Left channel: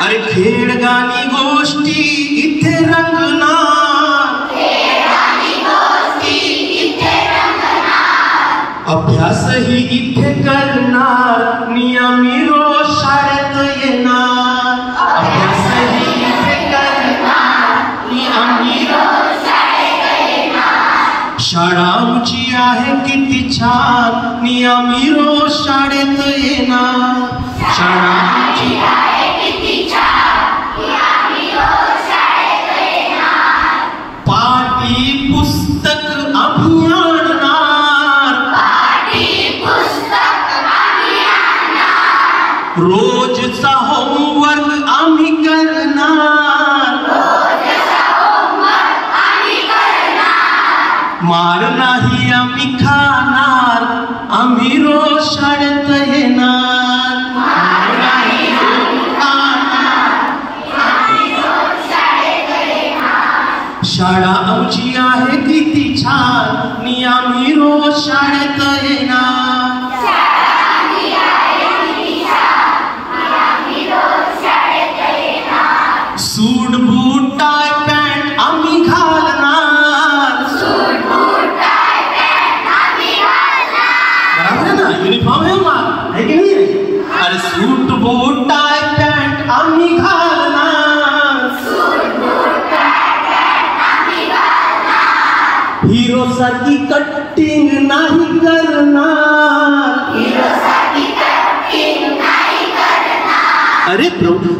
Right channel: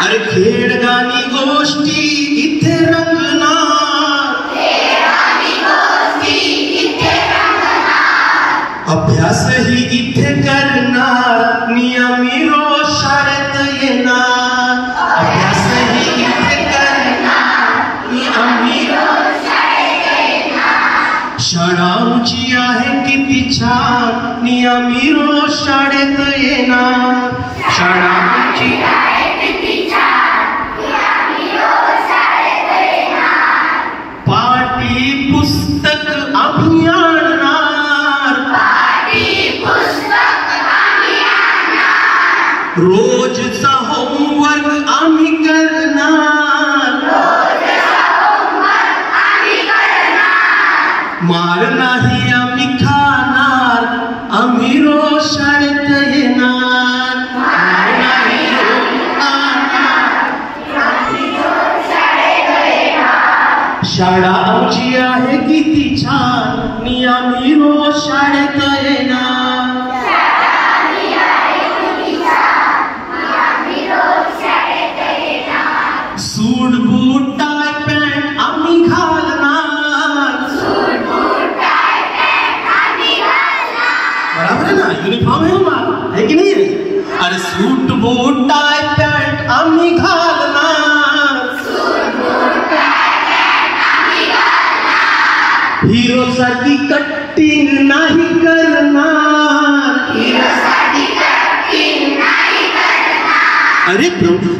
अरे खेळगाणी गोष्टी इथे रंगणार, अभ्यासही इथे करणार, नियमी रोज शाळेत येणार. अभ्यासही इथे करणार, नियमी रोज शाळेत येणार. शाळा आमची आहे किती छान, नियमी रोज शाळेत येणार. शाळा आमची आहे किती छान, नियमी रोज शाळेत येणार. पाटी पुस्तक आम्ही आणणार, रोजचा होमवर्क आम्ही करणार, मार नाही आम्ही खाणार, आम्ही रोज शाळेत येणार. शाळा आमची आहे किती छान, आम्ही रोज शाळेत येणार. सूट बूट टाय पॅन्ट आम्ही घालणार, बराबर आहे ना? युनिफॉर्म आहे मग, आहे की नाही? अरे सूट बूट टाय पॅन्ट आम्ही घालणार, हिरो साठी कटिंग नाही करणार, अरे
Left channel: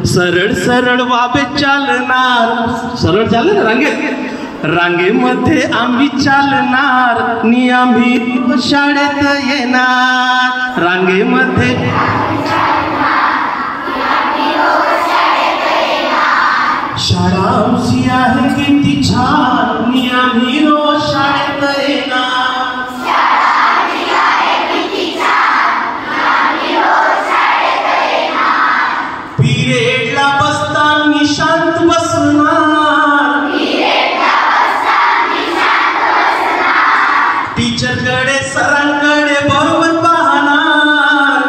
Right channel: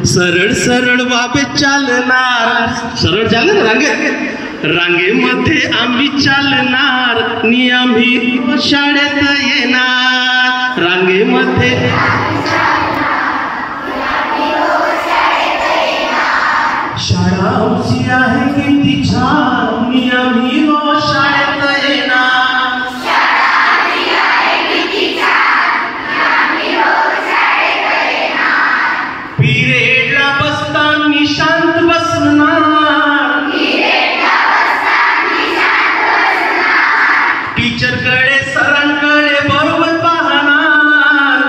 सरळ सरळ बाबे चालणार, सरळ चालणार रांगेत, रांगेमध्ये आम्ही चालणार, आम्ही शाळेत येणार. रांगेमध्ये शाळा आमची आहे किती छान, आम्ही रोज शाळेत येणार. पिरियडला बसताना शांत बसणार, टीचरकडे सरांकडे बरोबर पाहणार,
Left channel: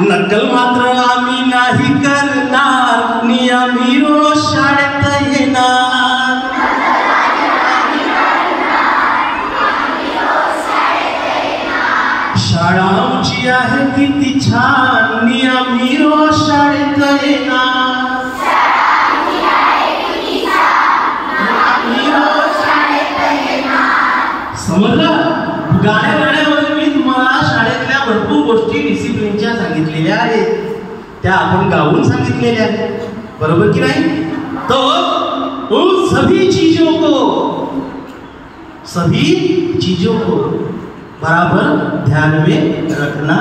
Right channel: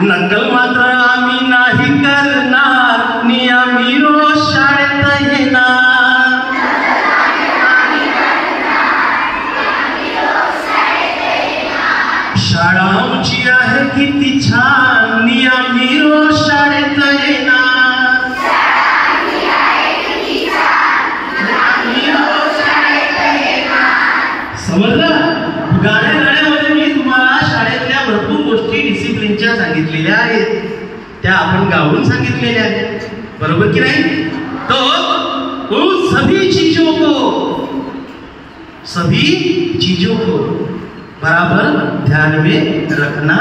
नकल मात्र आम्ही नाही करणार, आम्ही रोज शाळेत येणार. शाळा आमची आहे किती छान, आम्ही रोज शाळेत येणार. समजलं? गाण्यामध्ये मी तुम्हाला शाळेतल्या भरपूर गोष्टी डिसिप्लिनच्या सांगितलेल्या आहेत, त्या आपण गाऊन सांगितलेल्या आहेत, बरोबर की नाही? तो उन सभी चीजों को बराबर ध्यान में रखना